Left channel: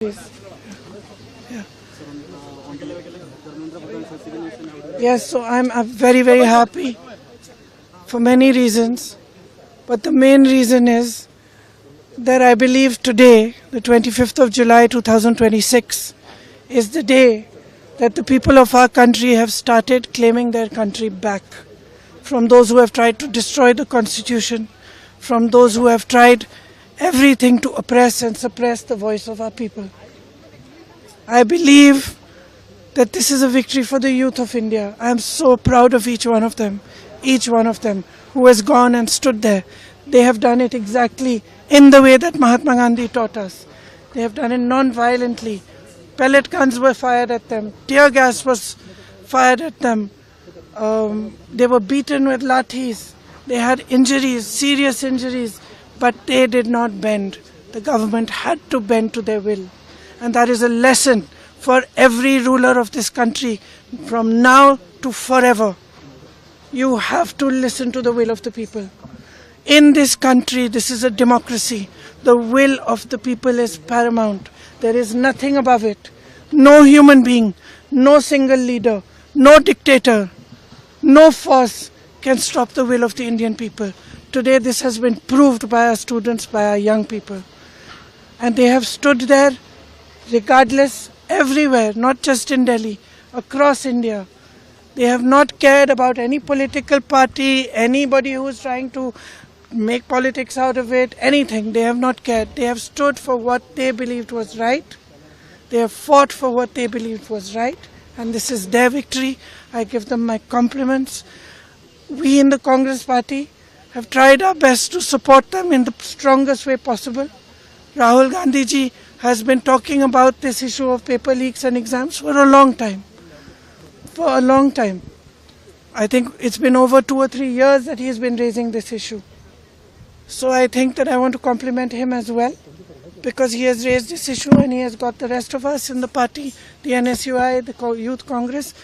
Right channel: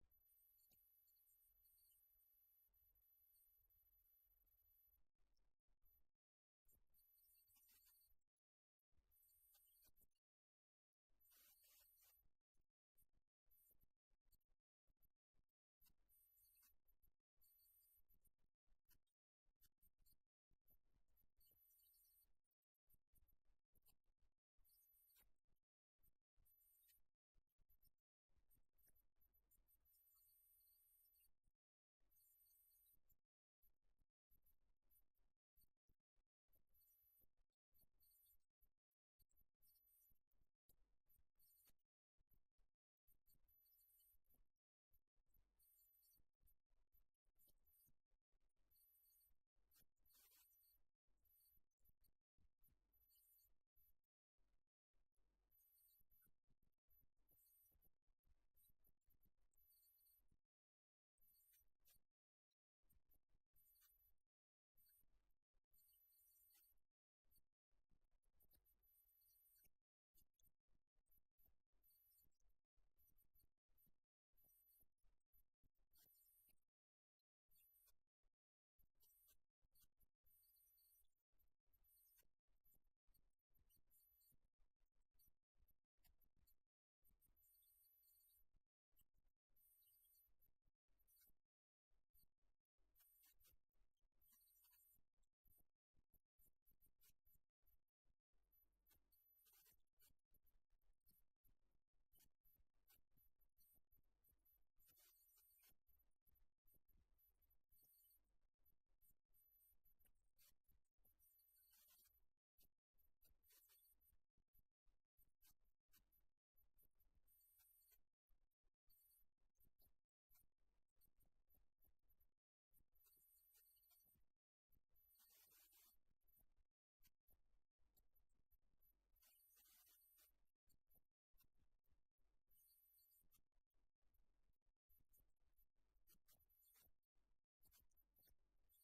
Yeah. Yes, so I'm very, very happy for many reasons. But the main reason is that I believe today, the 25th of July 2026, is the day that the people of our country have started claiming their country back from those who have tried to destroy the constitution, from those who have tried everything to oppress and suppress the voice of our people. I believe that this is a victory for the youth of India. I am so proud of each one of them who has gone and stood there. They have done it exactly in the way that Mahatma Gandhi taught us. They have done it non-violently. Pellet guns were fired at them. Tear gas was fired at them. They were beaten with lathis. They had injuries, serious injuries, but they did not bend. The government had to bend to their will. And that is a lesson for every ruler of this country from now to forever. You have to listen to the will of the people. In this country, this is a democracy. The will of the people is paramount. There is nothing above it. No human being, no single leader, no dictator, no force can stop the will of the Indian people. Today this has been proved by our students, by our young people. And they have stood there regardless, everywhere, not just in Delhi, across India. They have not cared about any political party, anybody who is trying to make politics out of it, anything. They have not cared. They have stood for what they believed was right. They have fought for what they believed was right. And this is their victory. I give them my compliments. We in the Congress party have tried our best to support them in the strongest way possible. Rahul Gandhi ji has been talking about this issue of paper leaks and exams for a long time. For a long time. I think it's been over 2 or 3 years that he's been raising this issue. So I think that I want to compliment him as well, because he has raised this issue and he has got the rest of us in the party, the NSUI, the Youth Congress,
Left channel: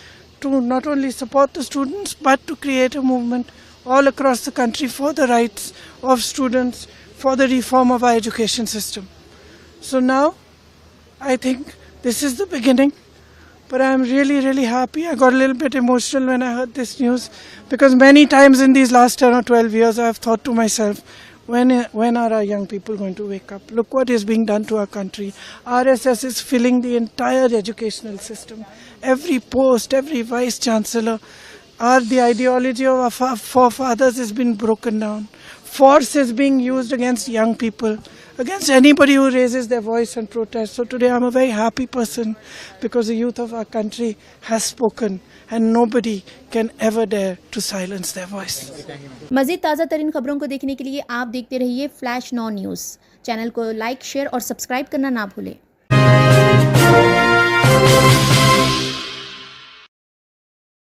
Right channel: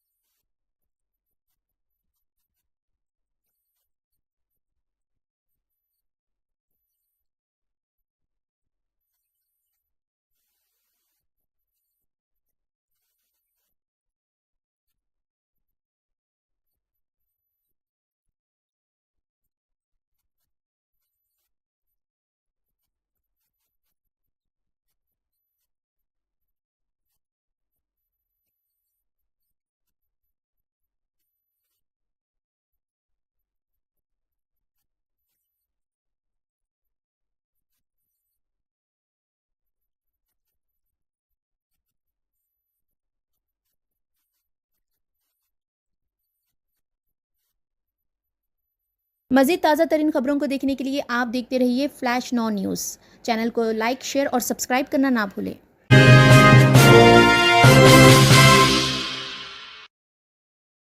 to not only support the students but to create a movement all across the country for the rights of students, for the reform of our education system. So now I think this is the beginning, but I'm really, really happy. I got a little bit emotional when I heard this news, because many times in these last 10 or 12 years I have thought to myself, when are our young people going to wake up? Look what is being done to our country. RSS is filling the entire educational system. Every post, every vice chancellor, the ideology of our forefathers has been broken down. Force is being used against young people, against anybody who raises their voice and protest. So today I'm a very happy person, because the youth of our country has spoken and nobody can ever dare to silence their voice. मज़ीद ताज़ा तरीन खबरों को देखने के लिए आप देखते रहिए फ्लैश 9 न्यूज़। चैनल को लाइक, शेयर और सब्सक्राइब करना ना भूलें।